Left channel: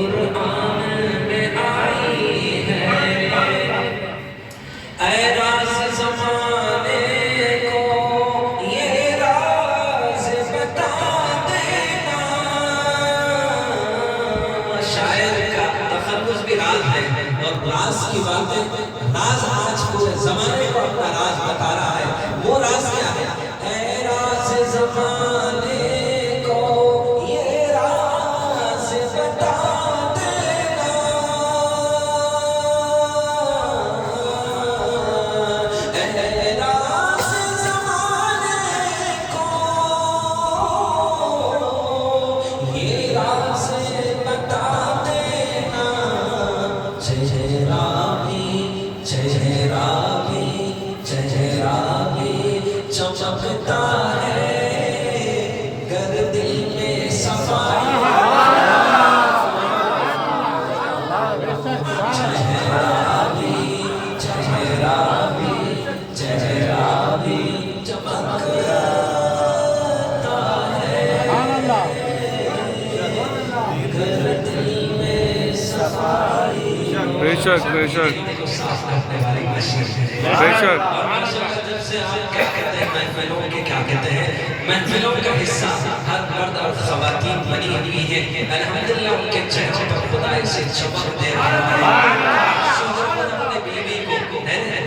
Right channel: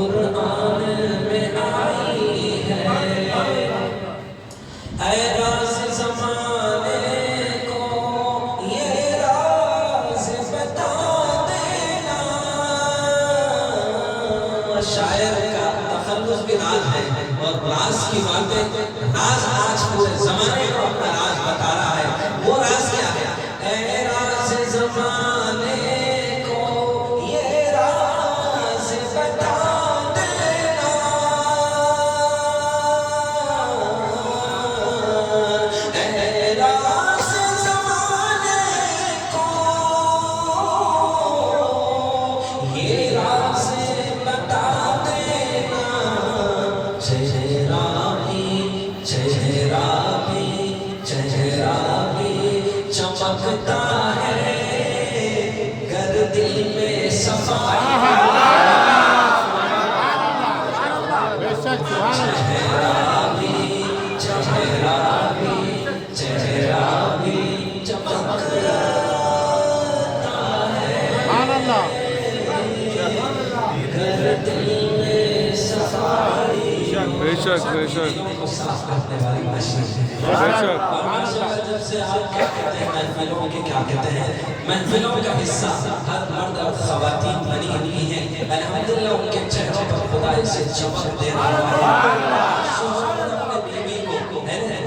قرآن میں آئی ہے، اے راز زمانے کو یہ راز بتا دینا۔ شاعر کا تخلص بھی راز ہے، اور راز کی باتیں، راز آج پورے زمانے کو اپنا راز بتا رہا ہے۔ وہ راز کیا ہے؟ اے راز زمانے کو یہ راز بتا دینا، اے راز زمانے کو یہ راز بتا دینا۔ چہرہ بھی چمکتا ہے گر دل میں صفائی ہے۔ چہرہ بھی چمکتا ہے گر دل میں صفائی۔ بے شک بے شک بے شک۔ جب سے آپ کیا کہتے ہیں محفلوں کے، کیا کہتے ہیں محفلوں کا حصہ ہر مرد اور خواتین بنی ہوئی ہیں، الحمدللہ ان کے چہروں پر خدا اسے چمک دے رہا ہے۔ شوہر اپنے بیوی کو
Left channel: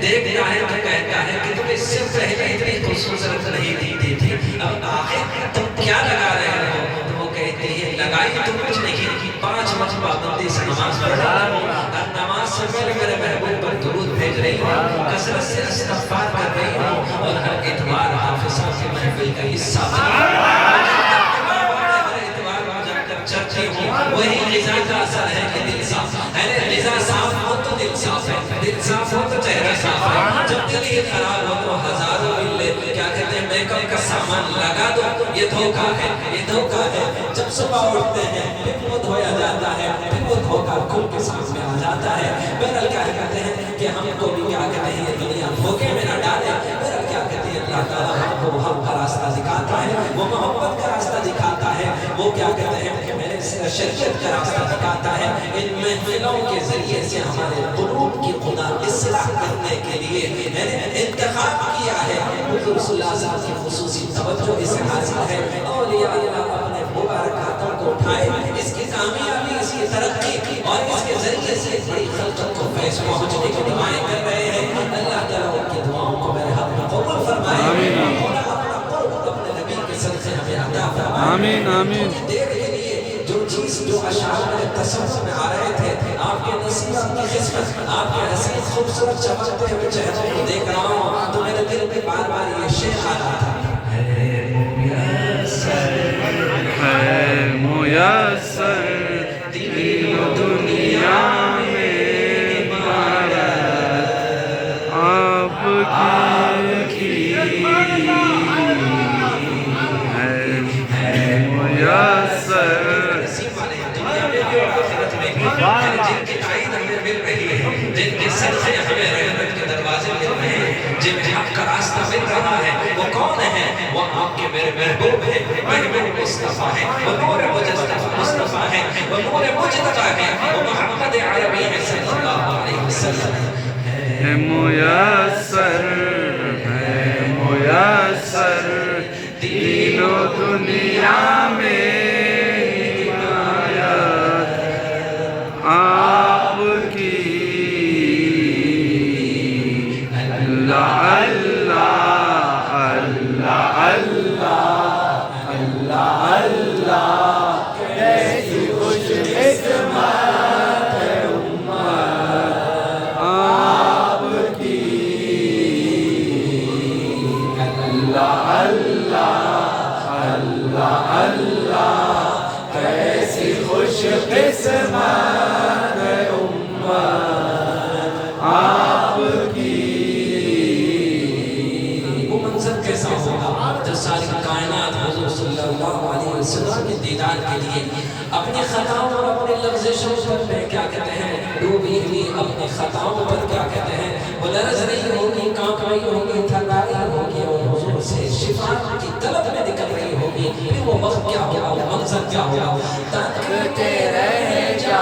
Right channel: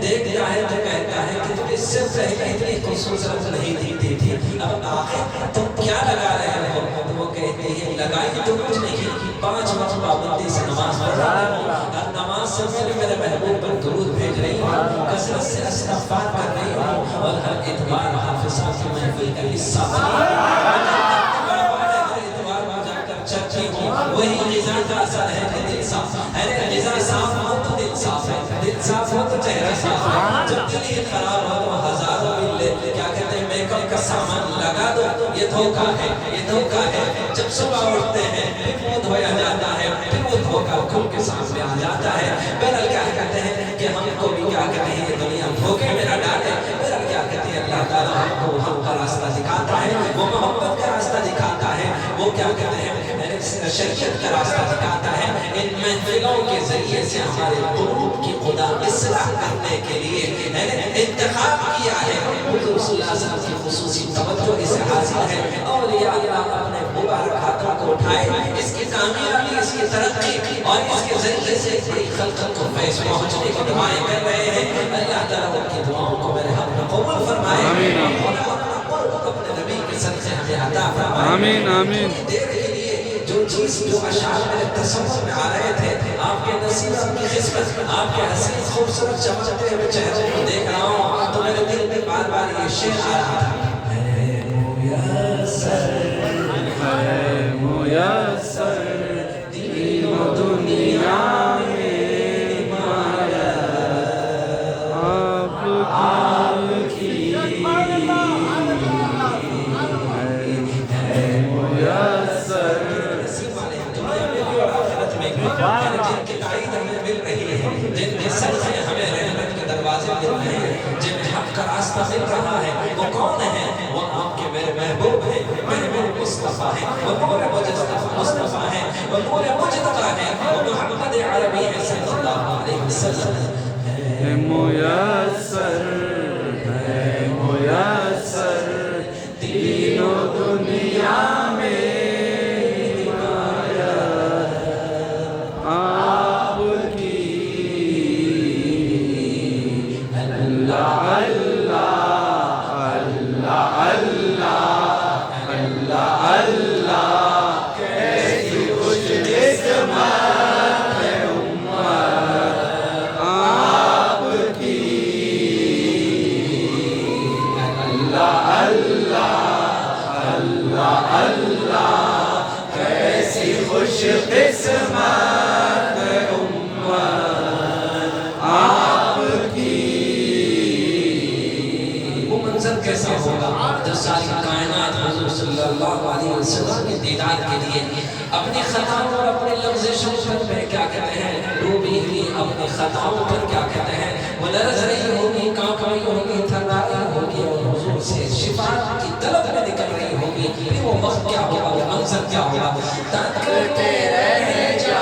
دیکھتا ہے تو کہتا ہے کہ تم اس سے پہلے اتنی خوبصورت نہیں دکھتی تھی، اب آخر تم کیا لگا رہے ہو؟ تو وہ کہتی ہے لگائی تو کچھ نہیں، 5 وقت پابندی سے نماز پڑھ رہی ہوں، ہر نماز سے پہلے میرے محبوب پر درود بھیج رہی ہوں، کثرت سے استغفار کر رہی ہوں، اور ہر اتوار حافظہ کی محفل کا حصہ چرچی ہوں۔ وہی غذا کا اثر ہے کہ دل صاف ہے، غذا صاف ہو تو دل صاف ہے، دل صاف ہو تو چہرہ صاف ہے۔ جب دل ہی خراب ہو تو ہزاروں ملے کیا کہتے ہیں میک اپ کا سامان لگا دو، یہ دھوکہ ہے، یہ دھوکہ ہے۔ جب صبح اٹھتے ہیں پھر وہ دھویا جاتا ہے، پھر وہ دھوکہ کھل کے سامنے آ جاتا ہے۔ بہرحال کیا کہتے ہیں کہ ہم کو بھی کیا کہتے ہیں یہ دنیا دھوکے میں نہ ڈالے۔ بہرحال کیا کہتے ہیں اللہ تعالیٰ ہم کو حق کا راستہ دکھاتا ہے، وہ محبت کا راستہ دکھاتا ہے، وہ کیا کہتے ہیں شریعت کا راستہ دکھاتا ہے۔ ان محفلوں کے ذریعے سے ہمارے قلوب کی خدا اصلاح کرنے کے لیے انتخاب کیا ہے۔ حضور صلی اللہ علیہ وسلم کی خصوصی توجہ اسے حاصل ہے۔ اولیاء اللہ اپنے مبارک ہاتھوں کو اٹھائے، اس کی کامیابی، اس کی ترقی اور اس کے ذریعے سے بڑی خلقت کو فیض پہنچنے کی دعائیں کر رہے ہیں۔ اللہ تعالیٰ ان کی دعاؤں کو میرے حق میں قبول فرمائے، آمین اپنا قرب اپنے نبی کے صدقے ہمیں عطا فرمائے۔ آمین آمین۔ دیر کے لیے جو چیز جو اشعار میرے تصور میں آ رہے تھے، آپ کے نصیب، آپ کی قسمت، آپ کے حسین خوبصورت چمکتے ہوئے چہروں کو دیکھ رہا ہوں تو میرے دل میں بار بار یہ شعر آ رہا تھا، ہے میسر دین و دنیا میں بھرت آپ کی ہے میسر۔ جن کی تائید ہمیں مل رہی ہے، جن کے صدقے ہمیں رحمت کے دروازے مل رہے ہیں، جن میں حق کا راستہ مل رہا ہے، وہ کون ہیں؟ وہ آپ کے میرے محبوب ہیں، محبوب مصطفیٰ ہیں، وہ نور مجتبی مصطفیٰ ہیں، وہ نور مجتبی ہیں، وہ محمد عربی ہیں صلی اللہ علیہ وسلم۔ ہے میسر، ہے میسر دین و دنیا میں آپ کی اللہ اللہ اللہ اللہ اللہ کیسی خوش قسمت ہے امت آپ کی اللہ اللہ اللہ اللہ کیسی خوش قسمت آپ کی۔ وہ منظر کیسا ہوگا جو ساری کائنات حضور صلی اللہ علیہ وسلم کے دیدار کے لیے اپنی خطاؤں اور اپنی لغزشوں پر کیا کہتے ہیں ڈوبی ہوئی، اپنی خطاؤں پر کیا کہتے ہیں وہ لرز رہی ہوگی، کانپ رہی ہوگی، تھر رہی ہوگی، اور حضور سے شفاعت کی طلب میں نکل رہی ہوگی۔ پھر وہ وقت کیا ہوگا، وہ منظر کیا ہوگا؟ تکتے رہ جا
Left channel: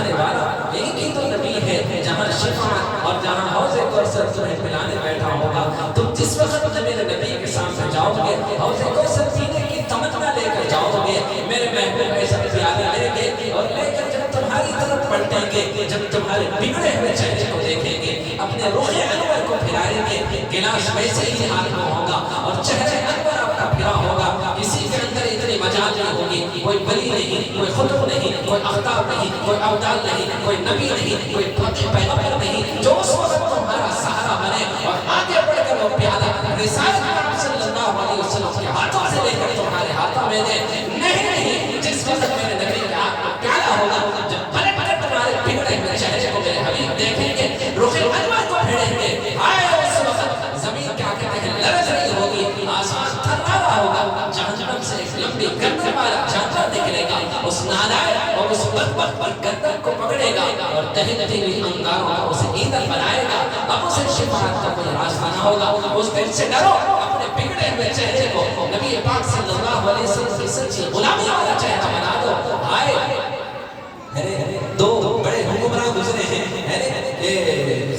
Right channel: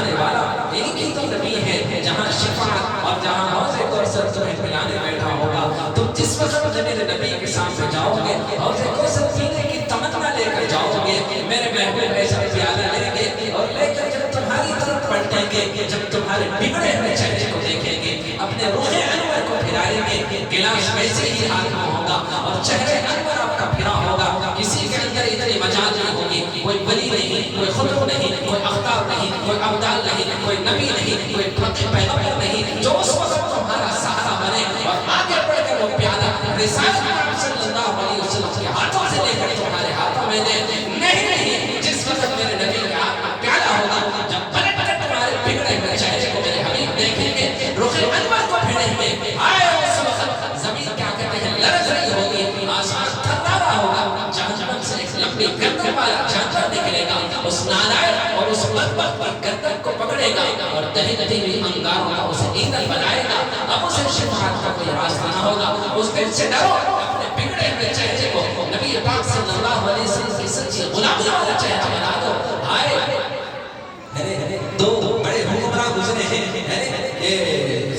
فرمانے والا ایک ہی تو نبی ہے جہاں شفاعت اور جہاں حوض کوثر تمہیں پلانے بیٹھا ہوگا، تم جس وقت میرے نبی کے سامنے جاؤ گے حوض کوثر پینے کی تمنا لے کر جاؤ گے، میرے محبوب ایسا پیالہ لیں گے اور لے کر جب تمہاری طرف پلٹیں گے، جب تمہارے بگڑے ہوئے چہرے کو دیکھیں گے، اپنے رخ انور کو پھرائیں گے، گلاس ویسے ہی ہاتھ میں ہوگا اور چہرے انور آپ کا پھرا ہوگا، کسی کے اندر اتنی مجال نہیں ہوگی، کوئی ولی نہیں، کوئی خطب نہیں، کوئی اختاب نہیں، کوئی ابدال نہیں، کوئی نبی نہیں، کوئی پیغمبر نہیں، جو اس وقت تمہارا سہارا بنے اور آگے بڑھ کر وہ پیالہ رسالت صلی اللہ علیہ وسلم کے ہاتھوں سے لے کر تمہارے ہاتھوں میں دے، نہیں جس وقت میرے نبی کے ہاتھ میں پیالہ ہوگا، جب پلٹ کر تمہارے بگڑے ہوئے چہرے کو میرے حبیب دیکھیں گے، رخ انور کو پھیریں گے، آئے اس وقت زمین کیا کہتے ہیں لرز رہی ہوگی، آسمان تھرا رہا ہوگا، جہنم سے ایک لمبی گردن والا جانور نکلے گا، اس نالائق اور اس بدبخت کی گردن کو پکڑے گا اور دہتی ہوئی انگاروں کا اسے ایندھن بنائے گا، اب اسے شفاعت کا کوئی راستہ نہ ہوگا، اس دن سے ڈرو، اپنے بگڑے ہوئے چہرے کو نبی پاک صلی اللہ علیہ وسلم کی سچی غلامی والا چہرہ بنا دو، آئے دو بڑے حکمراں گزرے ہیں،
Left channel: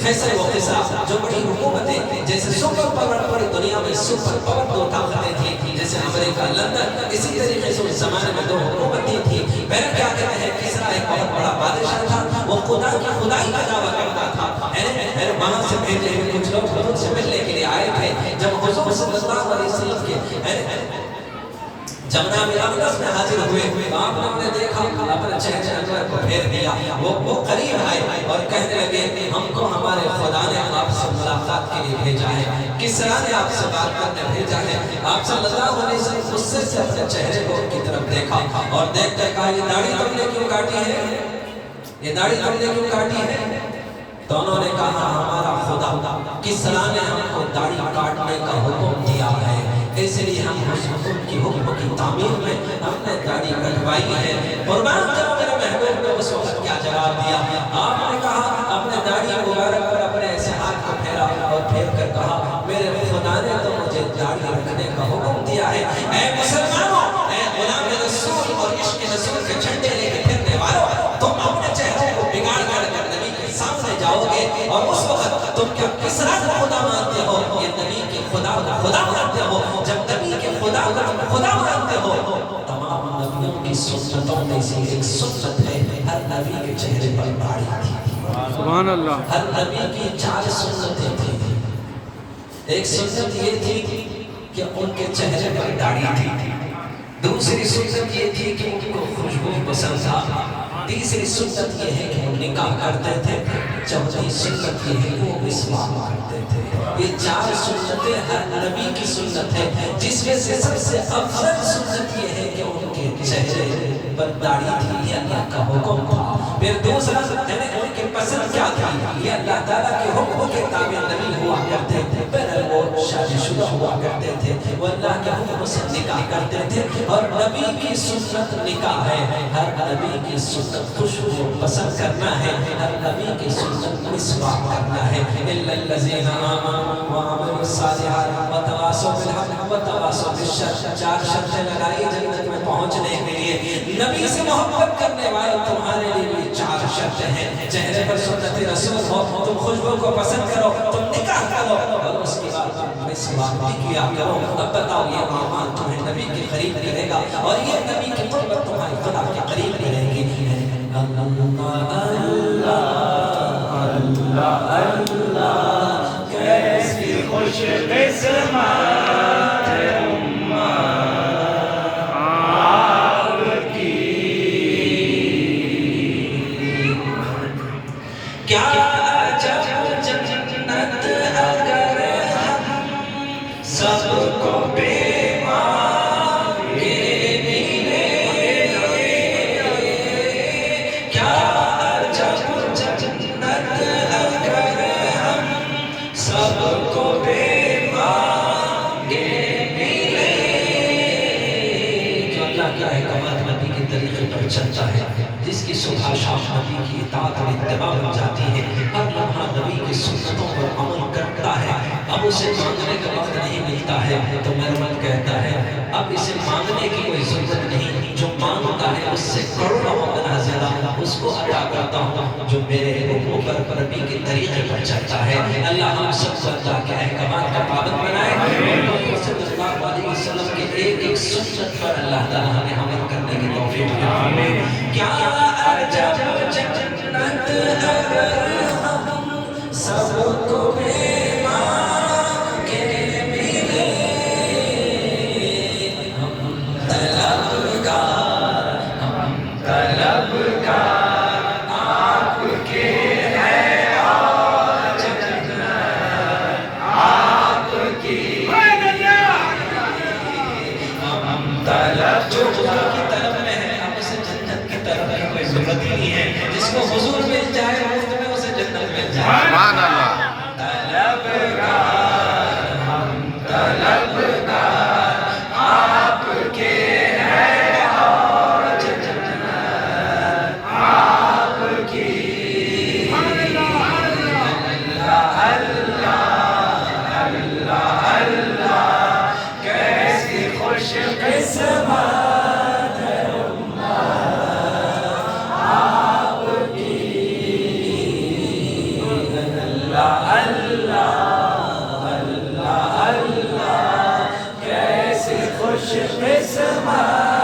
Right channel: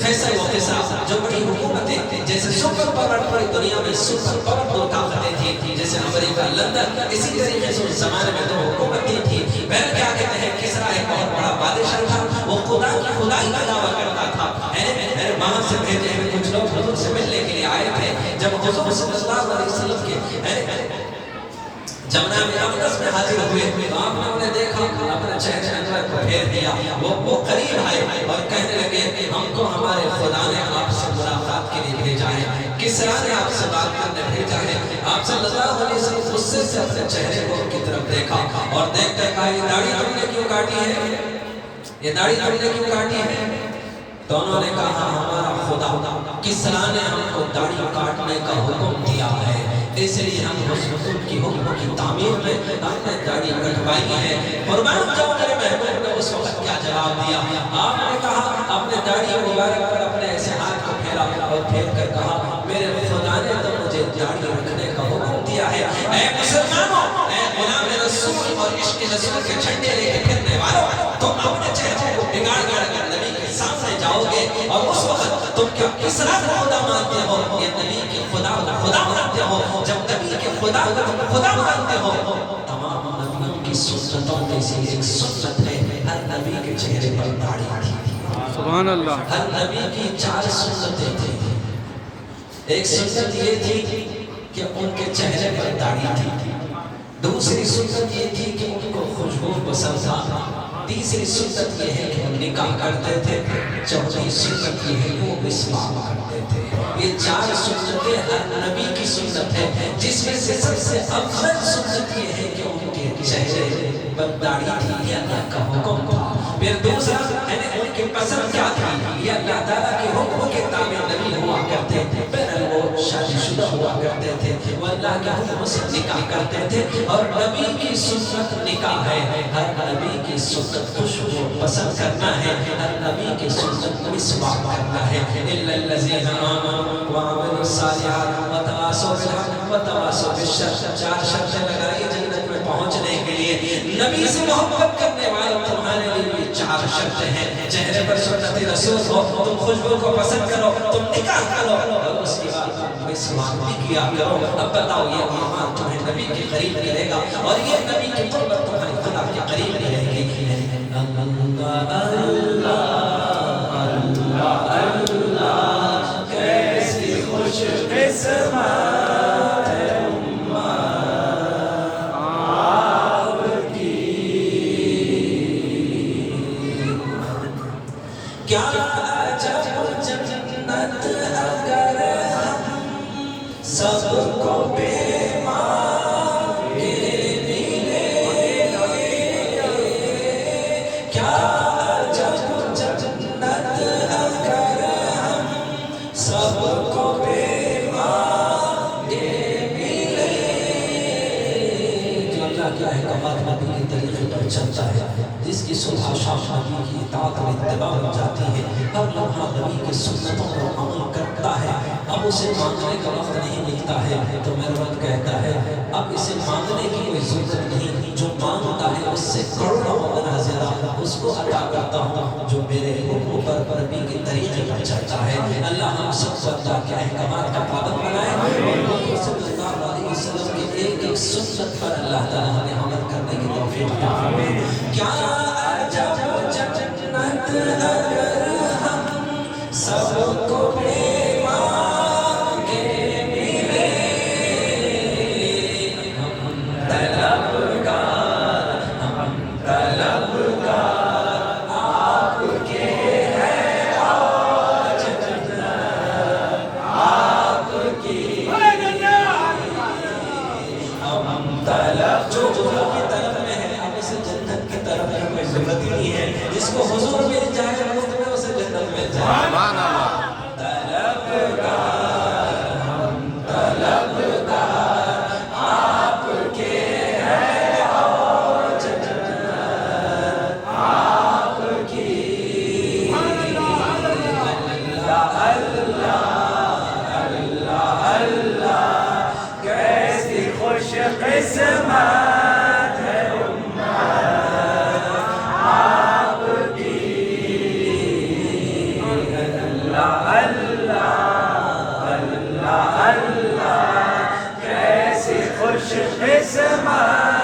فیصل و قیصر جو بڑی حکومتیں جیسے سپر پاور پوری دنیا میں سپر پاور دو طاقتیں تھیں، جیسے امریکہ لندن، اسی طریقے سے اس زمانے میں دو حکومتیں تھیں، پہلے کیا کہتے ہیں کسرا ایک بہت بڑا بادشاہ تھا، وہ خدا کی خدائی کا دعویٰ کرتا تھا، وہاں سے بھیجے ہوئے کچھ لوگ حضور سے ملنے کے لیے آئے تھے، جب حضور صلی اللہ علیہ وسلم کے جمنا میں اقدس میں حاضر ہوئے، آپ نے انہیں دیکھا، اپنے چہرے انور کو پھیر دیا، وہ قریب آئے اور کہنے لگے ہم کو ہمارے خدا نے آپ سے ملاقات کے لیے بھیجا ہے، کسرا نے آپ سے بات کرنے بھیجا ہے، آپ صلی اللہ علیہ وسلم غصے سے اپنے چہرے کو ان کی طرف دیکھا اور دیکھ کر کہا یہ داڑھی تم نے کیوں کاٹی ہے، یہ داڑھی تم نے کیوں کاٹی ہے؟ تو انہوں نے کہا ہمارا خدا کسرا نے ہم کو داڑھی کاٹنے کا حکم دیا ہے، اس لیے ہم اس حکم کی حکم کی تعمیر میں ہم نے داڑھی کٹوائی ہے۔ قربان جاؤ میرے محبوب نے اس وقت کیا جواب دیا، آپ نے کہا اپنے داڑھی مبارک پر اپنے ایسے ہاتھ کو پھیرا اور پھیر کر کہا میرے خدا نے تو مجھے داڑھی رکھنے کا حکم دیا ہے۔ اے مسلمانوں، اے غلام رسول اور عشق رسول کے جھنڈے لے کے پھرنے والوں، تم اپنے چہرے کو بگاڑ کر نبی کے سامنے جاؤ گے اور اس وقت تم کیا کسرا کو خدا مانتے ہو یا نبی کے خدا کو خدا مانتے ہو؟ جب نبی کے خدا کو تم خدا مانتے ہو، تمام نبیوں کی سنتوں میں سے ایک سنت ہے ہر نبی کے چہرے پر داڑھی تھی۔ سبحان اللہ۔ ہر نبی کی 4 سنتیں تھیں، ایک سنت یہ تھی کہ ان کے چہرے پر داڑھی تھی، دوسری سنت یہ تھی کہ ان کو خوشبو پسند تھا، تیسری سنت یہ ہے کہ وہ نکاح کرتے تھے، چوتھی سنت یہ ہے کہ وہ مسواک کرتے تھے۔ یہ 4 سنتیں ہر نبی کی سنت ہے، جس میں سے سب سے افضل سنت یہ ہے کہ ان کے چہرے پر داڑھی تھی، یہ اللہ کا حکم تھا۔ پھر دوسرا ان کی پسند کیا تھی، یہ اللہ تعالیٰ کے حکم کے تابع نبی ہوا کرتے تھے، پہلے وہ شادی شدہ ہوا کرتے تھے، وہ اللہ کے حکم سے نکاح کرتے تھے، اور نبی کی سنت نکاح ہے، ہر نبی کی سنت خوشبو پسند کرنا ہے، ہر نبی کی سنت مسواک کرنا ہے۔ اِلَّا الَّذِينَ آمَنُوا وَعَمِلُوا الصَّالِحَاتِ وَتَوَاصَوْا بِالْحَقِّ وَتَوَاصَوْا بِالصَّبْرِ۔ 4 شرطیں لگائی جنت میں پہنچنے کے لیے، نبی سے محبت کرنے والے تمہارے لیے بھی 4 شرطیں ہیں، چہرے پر سنت رسول ہو، تم خوشبو کو پسند کرو، تم نکاح کرو، اور اس کے بعد تم مسواک بھی کیا کرو۔ اب بتاؤ یہ اعمال تمہیں نبی کے قریب کرے گا اور یہ نبی کی قربت تمہاری خدا کے قریب رہے گی۔ اللہ اللہ اللہ کیسی خوش قسمت ہے آپ کی، کیا عجب جنت اگر ہم سب کو بے مانگے ملے، کیا عجب جنت اگر ہم سب کو بے مانگے ملے۔ جو اللہ کے احکامات نبی کے طریقے پر چلتا ہے، جس کی صبح شام نبی کی اطاعت اور اتباع ہو جاتی ہے، ہر لمحہ نبی کی سنتوں پر عمل کرتا ہے، اب اب اسے مانگنے کا وقت نہیں ملتا ہے تو میرا رب کہتا ہے اب اسے مانگنے کی کوئی ضرورت نہیں، جو مانگتا ہے اس سے کروڑوں گنا زیادہ اس کو عطا کرتا ہوں جو میرے اوپر پربی کے طریقے پر چلتا ہے۔ اللہ ہم سب کو اللہ کے احکامات کا پابند بنائے، صلی اللہ علیہ وسلم کے ایک ایک سنت پر اللہ تعالیٰ ہمیں عمل کرنے کی توفیق عطا فرمائے۔ کیا عجب جنت اگر ہم سب کو بے مانگ کے ملے، ہم طلبگار آپ کے ہیں آج جنت آپ کی، ہم طلب جو حضور کی طلب میں ہے، اب اسے جنت کی طلب کی کوئی ضرورت ہی نہیں ہے، جس کو حضور مل جائے مفت میں اسے جنت مل جائے۔ سبحان اللہ۔ طلبگار ہم طلبگار آپ کے ہیں آج جنت آپ کی، اللہ کیسی خوش قسمت ہے امت آپ کی، اللہ کیسی خوش قسمت